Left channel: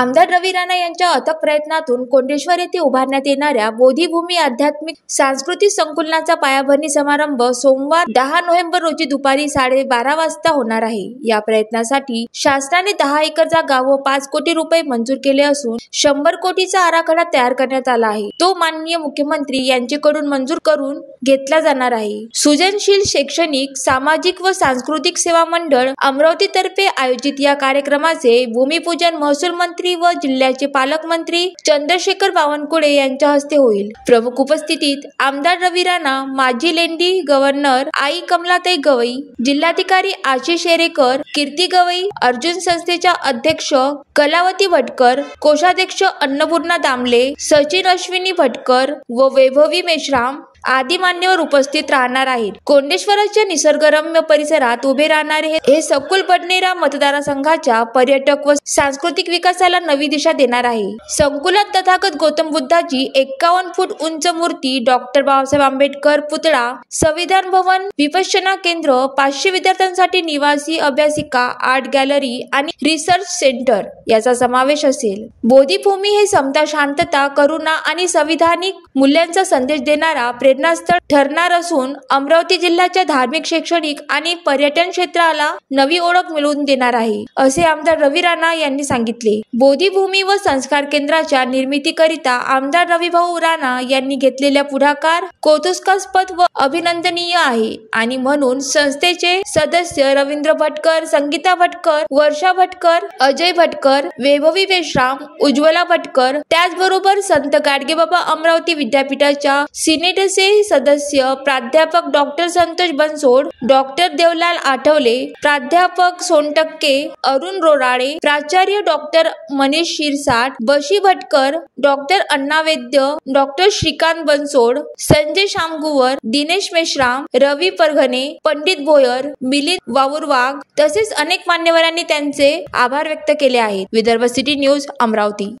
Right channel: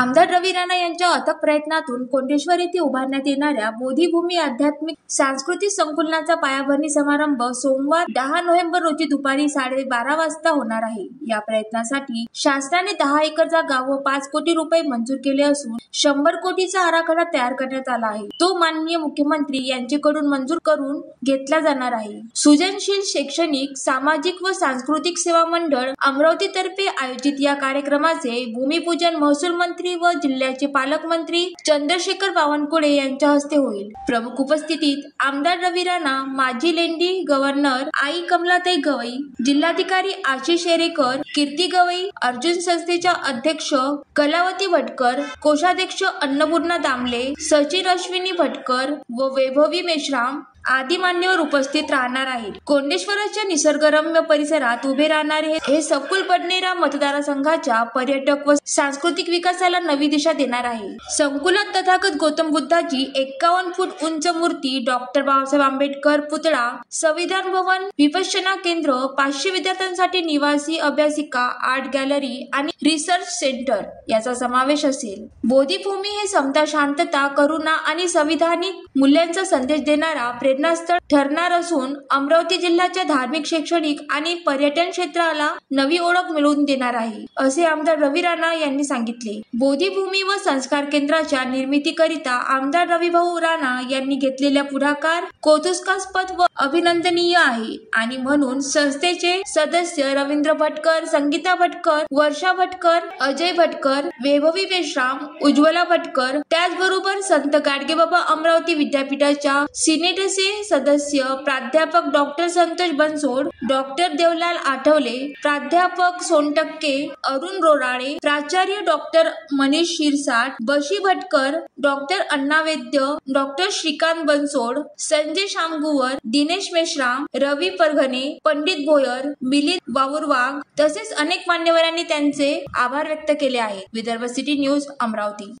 आमदार रवी राणा यांच्या अथक प्रयत्नातून कोंडेश्वर येथे उभारण्यात येणाऱ्या बोधिभूमी आध्यात्मिक सांस्कृतिक संकुलनाचा पायाभरणी समारंभ सोमवार 10 नोव्हेंबर रोजी दुपारी 12:30 वाजता होणार आहे। या प्रयत्नासाठी शासनाने 10 एकर जागा व 5 कोटी रुपये मंजूर केले असून 100 कोटीचा आराखडा तयार करण्यात आला आहे। तो माननीय मुख्यमंत्री यांच्याकडून मंजूर करून घेतला जाणार आहे। सृजनशील शैक्षणिक, सामाजिक व सांस्कृतिक सेवा मंडळ अमरावती तर्फे आयोजित या कार्यक्रमाचे भूमिपूजन महसूल मंत्री व जिल्ह्याचे पालकमंत्री चंद्रशेखर बावनकुळे यांच्या हस्ते होईल। प्रमुख उपस्थितीत आमदार रवी राणा, माजी लेंडी गव्हर्नर आई कमलाताई गवई, जिल्हाधिकारी आशिष शेरेकर, कीर्ती गवई, अर्जुन संस्थेच्या अध्यक्ष कलावती भटकर, कोषाध्यक्ष अन्नपूर्णा दामले, सचिन अश्विनी भटकर व वैभवी मेश्राम आदी मान्यवर उपस्थित राहणार आहेत। कोंडेश्वराच्या निसर्गरम्य परिसरात उभे राहणारे हे सखोल बडनेरा मतदारसंघाच्या पर्यटक व सांस्कृतिक विकासाला नवी दिशा देणार आहे। संकुलात तथागत गौतम बुद्धाची 51 फूट उंच मूर्ती, डॉक्टर बाबासाहेब आंबेडकर पुतळा, संविधान भवन, विपश्यना केंद्र, 500 विद्यार्थ्यांसाठी निवासी अभ्यासिका, आर्ट गॅलरी आणि रिसर्च सेंटर याचा समावेश असेल। बोधिभूमी हे समता, शांतता, करुणा आणि संविधानिक मूल्यांचा संदेश देणारा प्रेरणास्थळ ठरणार असून अमरावती जिल्ह्याच्या धार्मिक, शैक्षणिक आणि पर्यटन क्षेत्राला नवी ओळख मिळवून देणार आहे, असे आमदार रवी राणा यांनी सांगितले। बोधिभूमी व संस्कार केंद्राच्या निर्मितीकरिता आमदार रविभाऊ राणा यांनी घेतलेल्या पुढाकार कौतुकास्पद व अभिनंदनीय आहे आणि म्हणून संस्थेचे सदस्य रवींद्र भटकर, संगीता भटकर, वर्षा भटकर, अजय भटकर, वैभवी मेश्राम, उज्ज्वला भटकर, त्याचबरोबर संत गाडगेबाबा अमरावती विद्यापीठाच्या सिनेटचे सदस्य प्राध्यापक डॉक्टर संतोष बनसोड, डॉक्टर देवलाल आठवले, प्राध्यापक सोनटक्के, अरुण रोराळे, प्राचार्य डॉक्टर मनीष शिरसाट, बशी भटकर, डॉक्टर अण्णा वैद्य, डॉक्टर श्रीकांत बनसोड, संजय शामगुवर, दिनेश मेश्राम, रवी परगणे, पंडित भोयर, मिलिंद वावुरवाघ तसेच अनेक मान्यवरांनी त्यांचे आभार व्यक्त केले आहेत। Vidarbha city news, Amravati.